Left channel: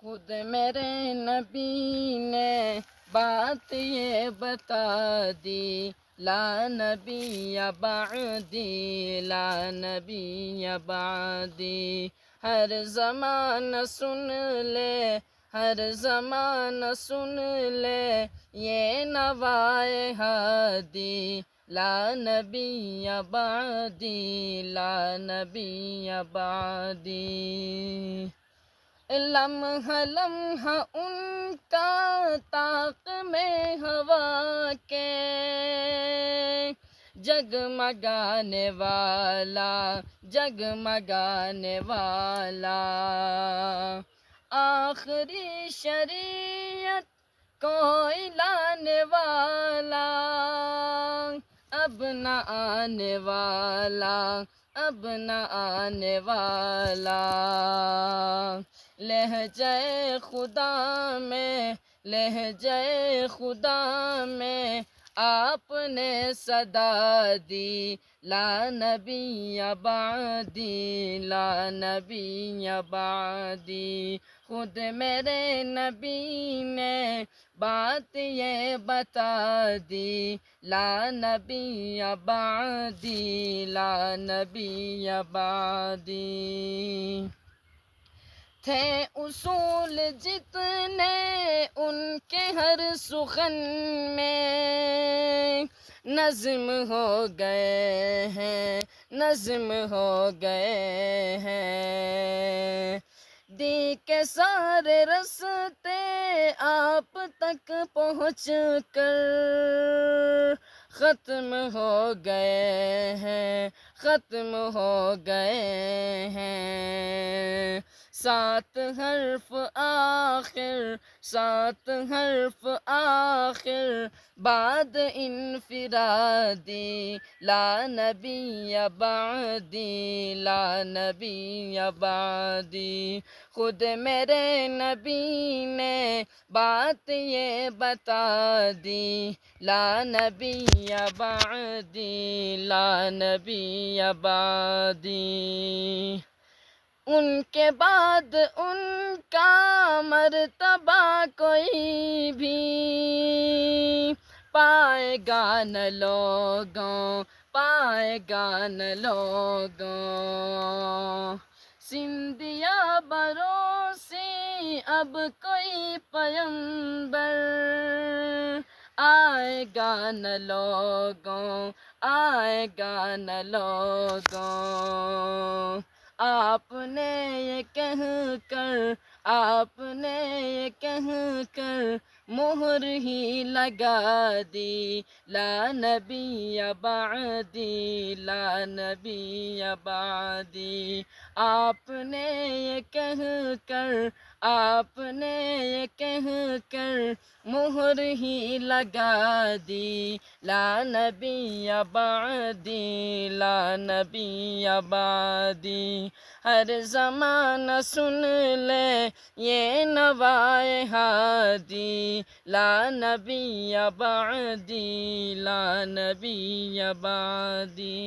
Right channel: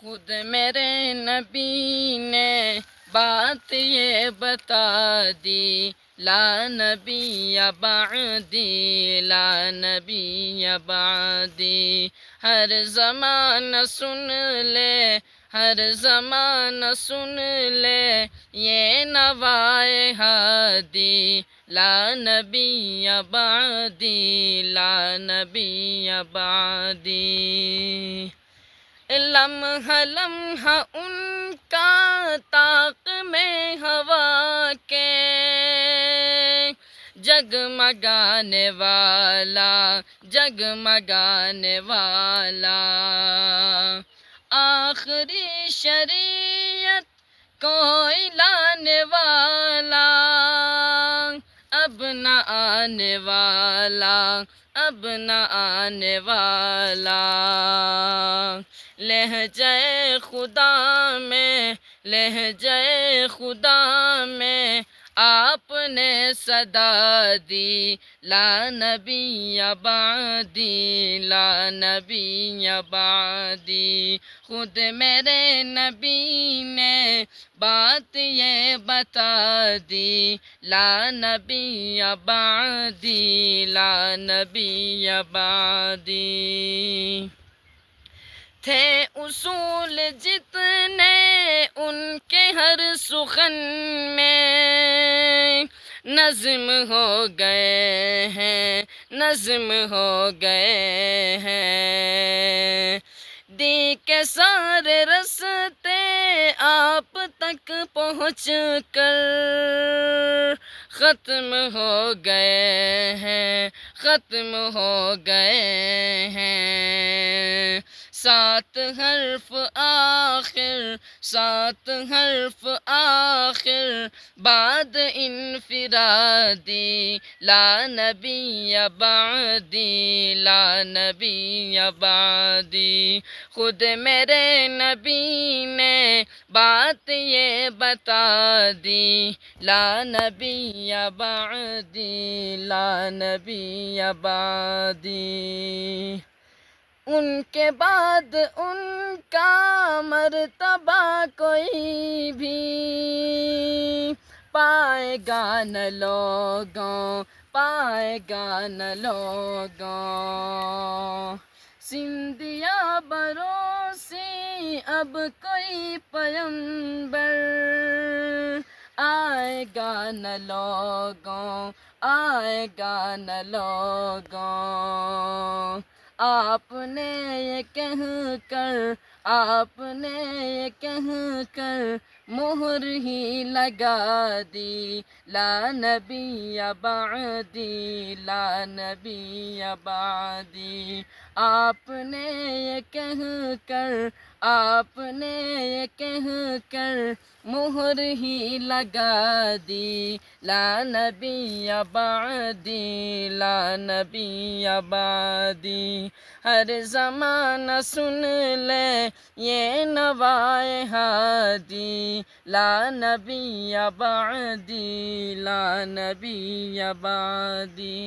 خود میرے نبی نے بات یہ بتا دی، لا نبی بعدی، لا نبی بعدی۔ ہر زمانہ سن لے، ہر زمانہ سن لے یہ نوائے ہادی، لا نبی بعدی، لا نبی بعدی۔ لمحہ لمحہ ان کا طاق میں ہوا کے، جگمگانے والا، جگمگانے والا۔ آخری شریعت کوئی لانے والا، اب نہ آنے والا، اب نہ آنے والا۔ لہجہ خدا میں، لہجہ خدا میں آپ نے صدا دی، لا نبی بعدی، لا نبی بعدی۔ خود میرے نبی نے بات یہ بتا دی، لا نبی بعدی، لا نبی بعدی۔ تھے اصول جتنے ان کے ہر سخن میں، نظم ہو گئے ہیں، نظم ہو گئے ہیں۔ دی کے سارے رستے آپ تک پہنچ کر ختم ہو گئے ہیں، ختم ہو گئے ہیں۔ 7 حرف آخر، 7 حرف آخر بعد انفرادی، لا نبی بعدی، لا نبی بعدی۔ خود میرے نبی نے بات یہ بتا دی، لا نبی بعدی، لا نبی بعدی۔ ان کے بعد ان کا مرتبہ کوئی بھی پائے گا نہ لوگوں، پائے گا نہ لوگوں۔ سندھیا بروسی اب کوئی پیمبر آئے گا نہ لوگوں، آئے گا نہ لوگوں۔ آپ نے یہ کہہ کر، آپ نے یہ کہہ کر مہر ہی لگا دی، لا نبی بعدی، لا نبی بعدی۔ آپ نے یہ کہہ کر، آپ نے یہ کہہ کر مہر ہی لگا دی، لا نبی بعدی، لا نبی بعدی۔ ہر زمانہ سن لے یہ نوائے ہادی، لا نبی بعدی، لا نبی بعدی۔